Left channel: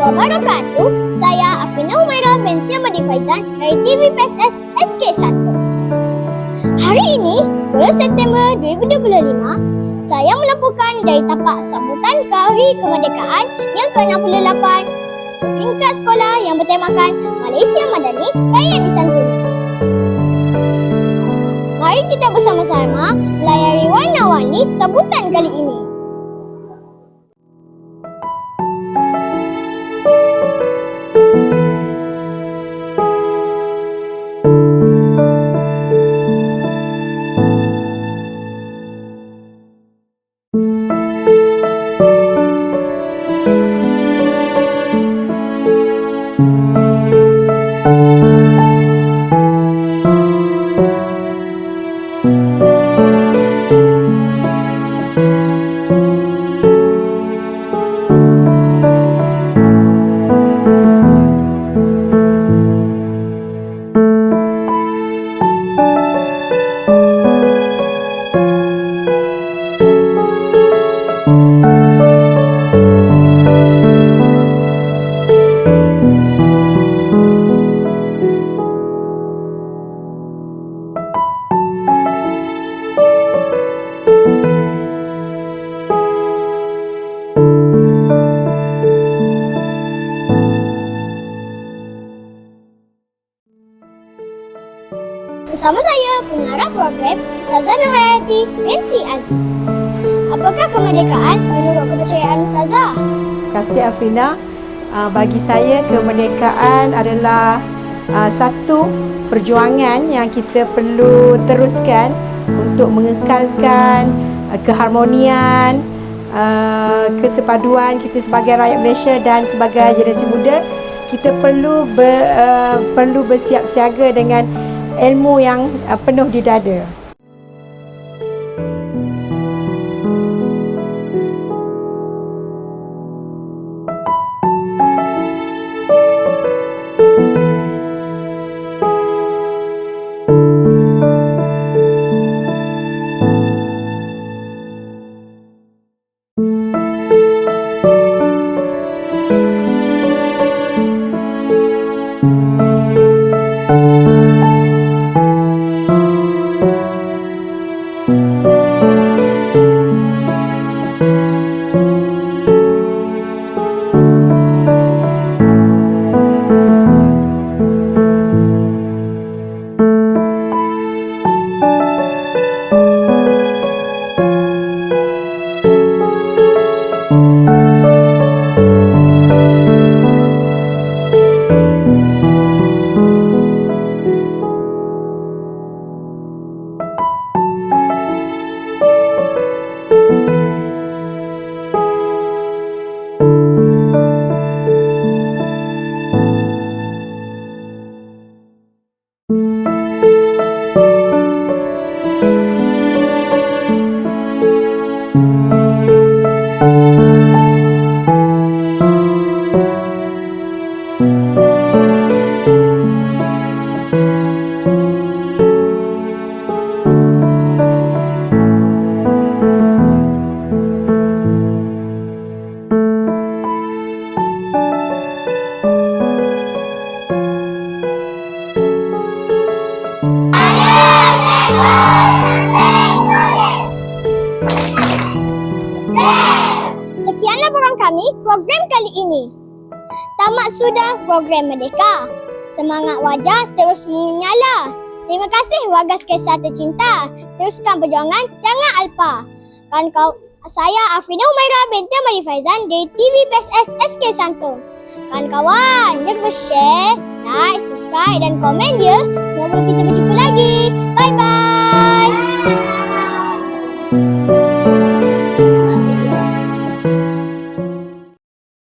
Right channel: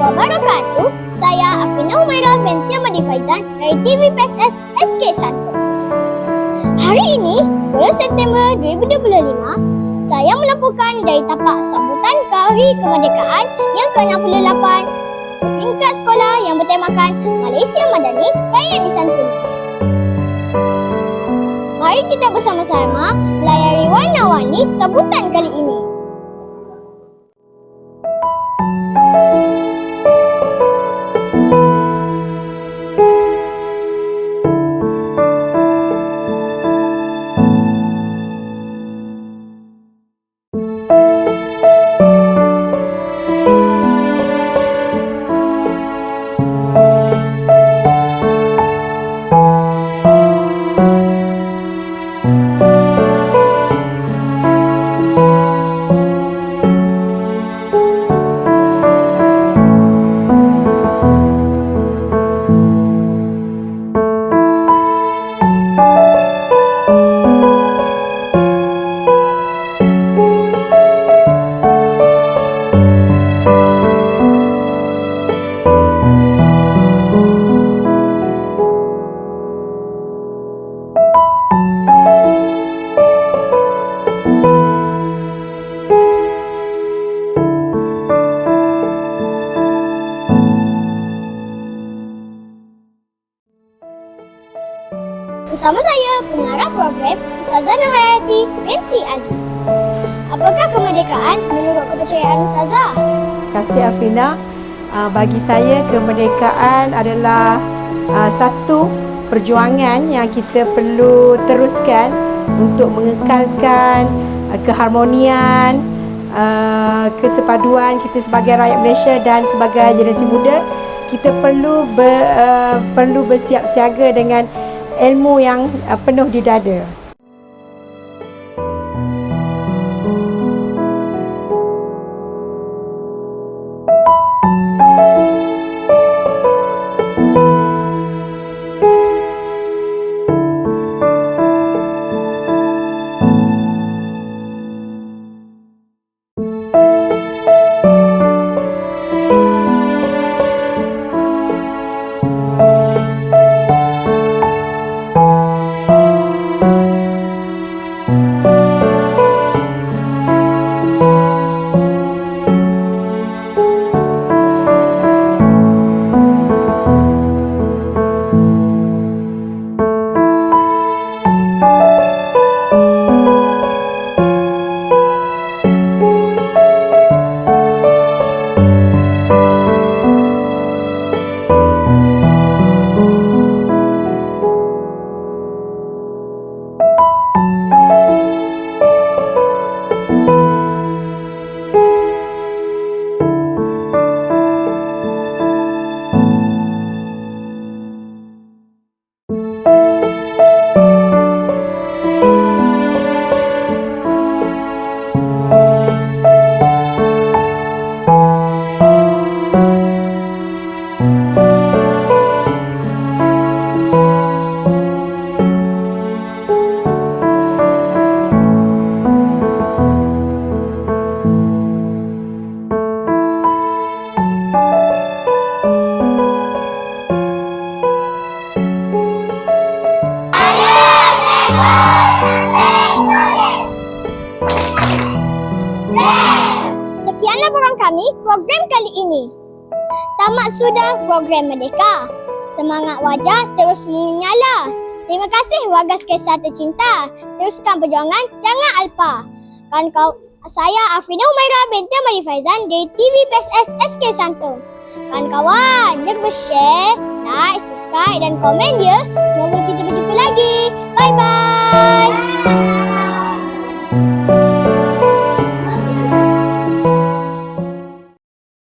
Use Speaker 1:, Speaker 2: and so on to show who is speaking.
Speaker 1: wabarakatuh. Saya Afrina Umairah binti Ahmadi Faizan dari TV PSS SK Santo. Hari ini, 10 September 2025, saya melaporkan dari tapak sambutan Hari Kemerdekaan yang ke-68 peringkat sekolah yang bertemakan Malaysia Madani Raya di Santuni. Mari kita bersama-sama melayari warna-warni sambutan kali ini. Bersama saya, pengarah program Ustazah Nurhayati binti Aziz. Apakah kemerdekaan menurut kepercayaan Ustazah?
Speaker 2: Terima kasih Afrina. Uh, bagi saya kemerdekaan adalah uh, satu perjuangan yang kita perlu teruskan untuk mengekalkan uh, keharmonian, kesepaduan kita sebagai rakyat Malaysia dan sebagai generasi muda. Kita perlu ber, perlu bersiap siaga dengan ilmu yang uh, penuh di dada.
Speaker 1: Kami program kali ini. Tamat sudah program Merdeka. Semangat wajah terus menyala. Terima kasih warga Skesa tercinta. Teruskan perjuangan, jangan alpa. Kan kau saya Afrina Umairah binti Amari Faizan dari TV PSS SK Santo. Kan kawan, jangan lupa share, like, subscribe dan komen ya. Semoga kita berjumpa lagi.